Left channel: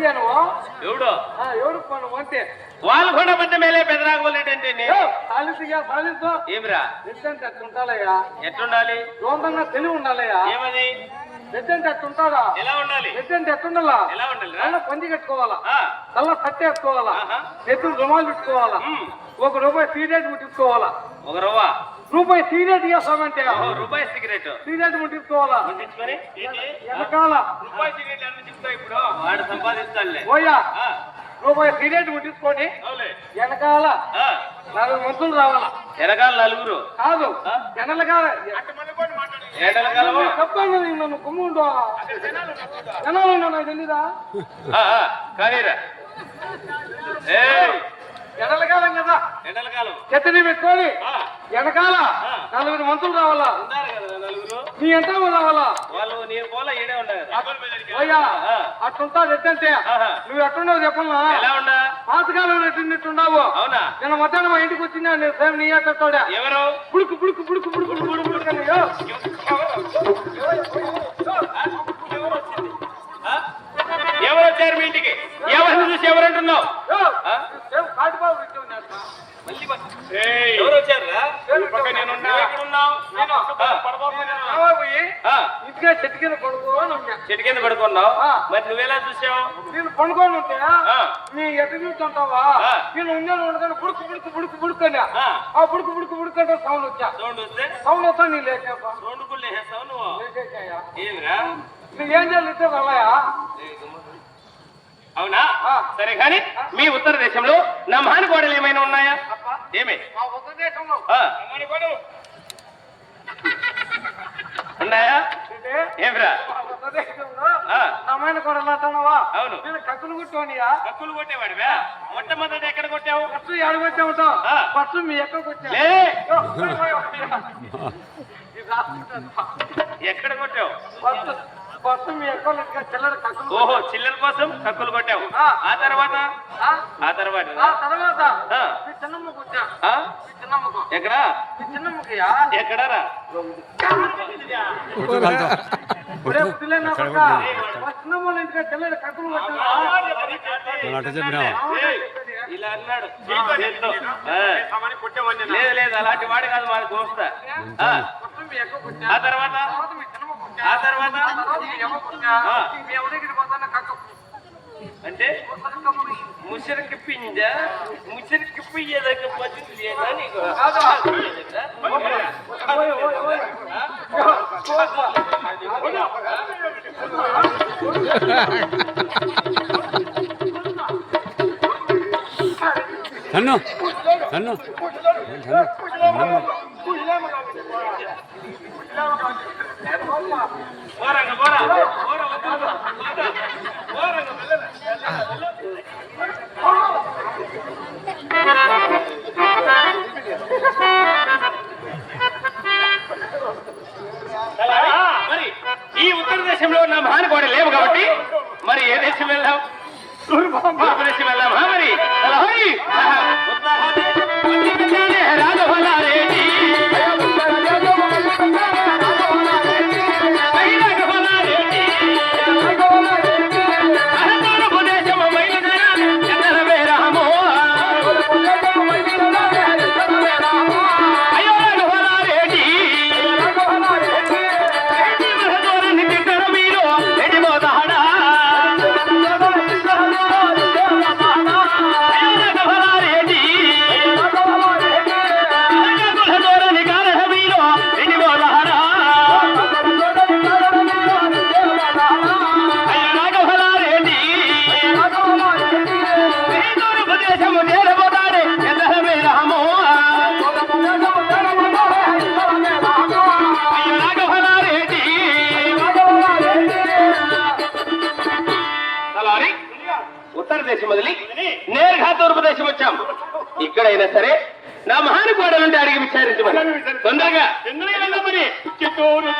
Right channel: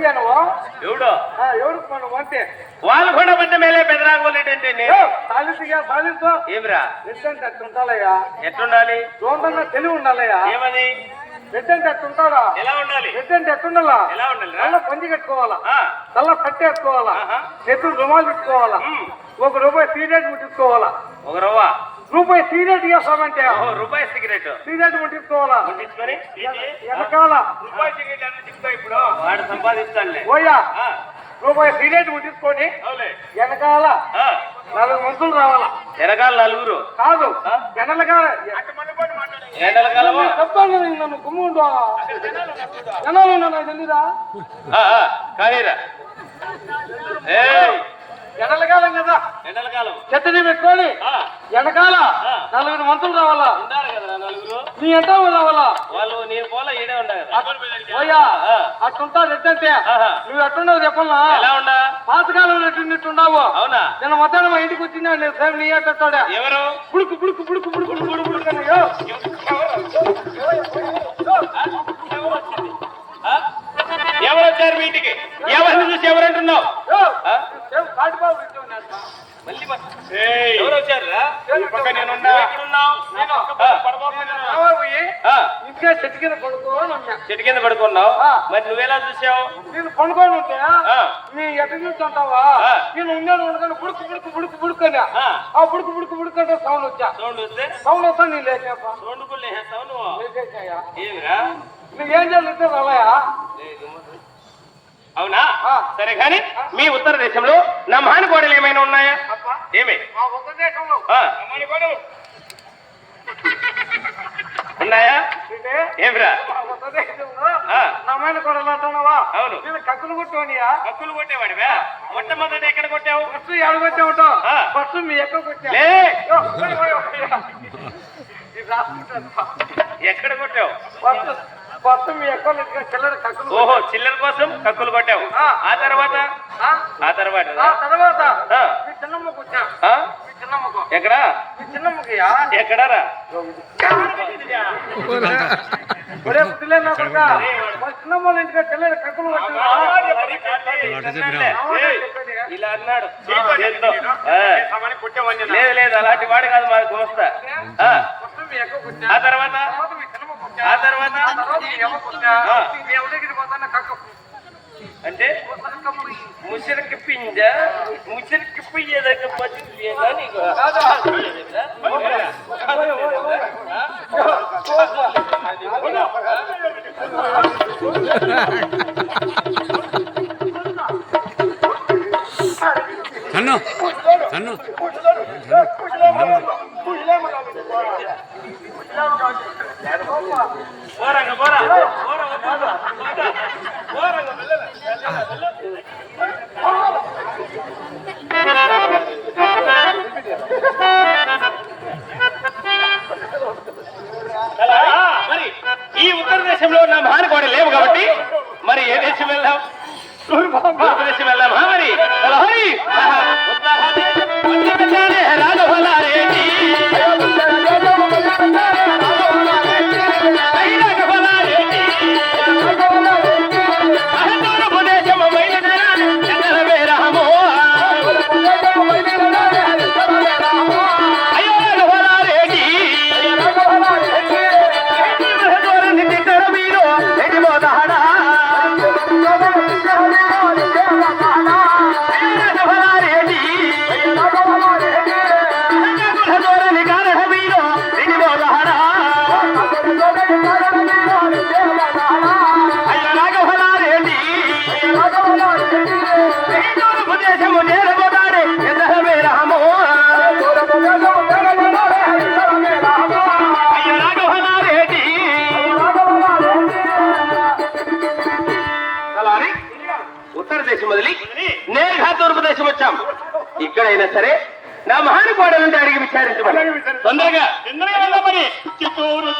నువ్వు ఎవడు వాళ్ళకొండ మధ్య మేలే ఏమిరా ఎట్లుండాలి దూరంగా తెలివి ఉండాలయ్యా ఏమది ఎలా ఉండాలి ఎలా ఉండాలి కళ్ళ పంది కట్టుకోవాలా కళ్ళ పట్టి. చేతులు రుమాలు పెట్టుకోవాలా. ఒక రూపాయి సీరియట్ ముట్టించుకోవాలా ఒక రవ్వ రూపాయి సీరియట్ చేస్తామంటే ఓ రూపాయి సిగరెట్. ముట్టించుకోవాలా ముట్టించుకొని వెనకాల. రూపాయి సిగరెట్ అన్ని చిక్కుతాయి ఇప్పుడు? వాడు సంపాదిస్తానులే పోయా. ఆ, రూపాయి సీరియట్ ముట్టించుకొని వెనకాల ఆ, నలుగు మంతులు రావాలా? వెనకాల నలుగురు? కాదు. కాలము చెప్పాను నన్ను కుమ్ముండు. జనాలు నాకు తెలీదా? ఏయ్. ఎడలకాలం కదా ఎండల కాలం చెత్తని పెట్టుకొని ఆ. నలుగురు మంతులు రావాలా ఉండాలి కదా నలుగురు నీ ఎంత రావాలా వాళ్ళు నేను పోలా ఈడే ఉండాలి రెట్టంటే ఆహా. నువ్వు ఎట్టున్నావు ఉండా పాతకాలంలో ఎట్టుండవు అవునా నిన్న మధ్యాహ్నం మా ఇంటికి వచ్చిందా నేను సేమ్ నీ కట్టాడా ఎవరు పుడుకు పుడుకు పుడుకు పుడుకు పుడుకు పుడుకు? ఎవరు వచ్చారు మీ ఇంటికి ఎవరిని చూసి ఎవరు కాటిబాబు. మళ్ళీ. ఎవరు వచ్చారు? ఇంటిగా చెట్టు కింద పడుకో అన్నా. చెట్టు కింద పడుకున్నావు. మరి నువ్వెలా చూసావు? నేను పడుకోని ఉంటే ఆ. నీ ఎట్ట చూస్తుంటావా. నేను ఉన్నాను ఉండగానే బుడుకు బుడుకు బుడుకు ఆ. బుడుకు బుడుకు బుడుకు అంటే సౌండ్ వచ్చా? సౌండ్ వస్తే? సౌండ్ వస్తా నీ లేచేపా సౌండ్ కూడా లేచేస్తావు నువ్వు? లేచేసాయా? నువ్వు ఏం చేయాలి? రాలయా అవునా. సరే కానీ మీ ఉత్తర దేశంలో నా మహానుకోడలు ఏమైనా ఉన్నాయా? ఏమి. ఉన్నాయా? ఏమిరా. నమ్మైన అంటున్నావా? అవును. నేను కక్కులు కొట్టుకోనియా హక్కులు కొట్టేవాడివా? మొట్టమొదటి ఎక్కడ కొట్టావు? ఫస్ట్. ఫస్ట్ మీ రాసుకుంటాను. ఎక్కడ కొట్టావు? ఫస్ట్ పిల్లలు కక్కులు ఓహో చిల్లర కోసం కక్కులు కొట్టావు ఆ. ఆ తర్వాత? ఆ? తర్వాత? ఆ తర్వాత. మీ చిన్నమ్మకు వచ్చా? ఆ? మీ చిన్నమ్మకు. ఎక్కడా? మీ చిన్నమ్మకియా ఎక్కడారా చిన్నమ్మ ఇంటికి కక్కులు ఇలా అన్నాడు. లేదు లేదు అలాంటి వాడు కాదు మా దోస్త ఆ. ఆ తర్వాత? ఆ తర్వాత. అంటే ముసిరికి పింజ ముసిరికి పియ్యదగ్గ పచ్చి నీకు కన్ను కన్ను. పోరంగ ఈ ఉత్తర దేశంలో నా మహానుకోడ లేవు కాబట్టి మరి ఏ దేశం వెళ్ళాం తూర్పు దేశం నేరుగా తూర్పు దేశం వచ్చాం. ఇక్కడైనా సరే నా మహానుకోవడం అంటే అడిగి విచారించమని. తొందరగా.